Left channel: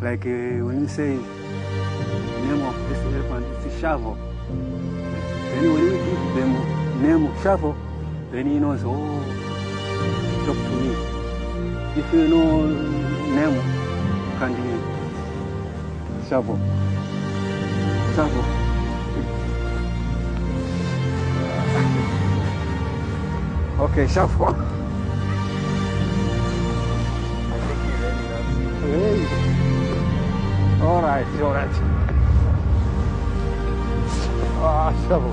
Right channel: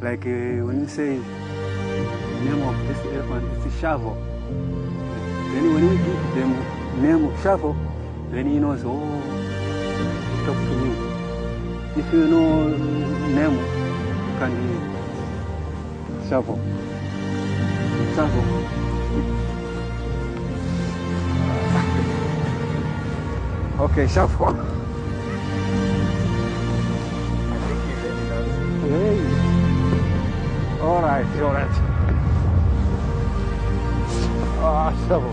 Like when you say name of this elephant, it's Shavo. Then when we give them name of Shavo, then he knows, oh, he talk to me. If you know name, you can be Shavo. Shavo. Okay, Shavo. I think he really loves you. Hey. All right, all right. Ah, Shavo.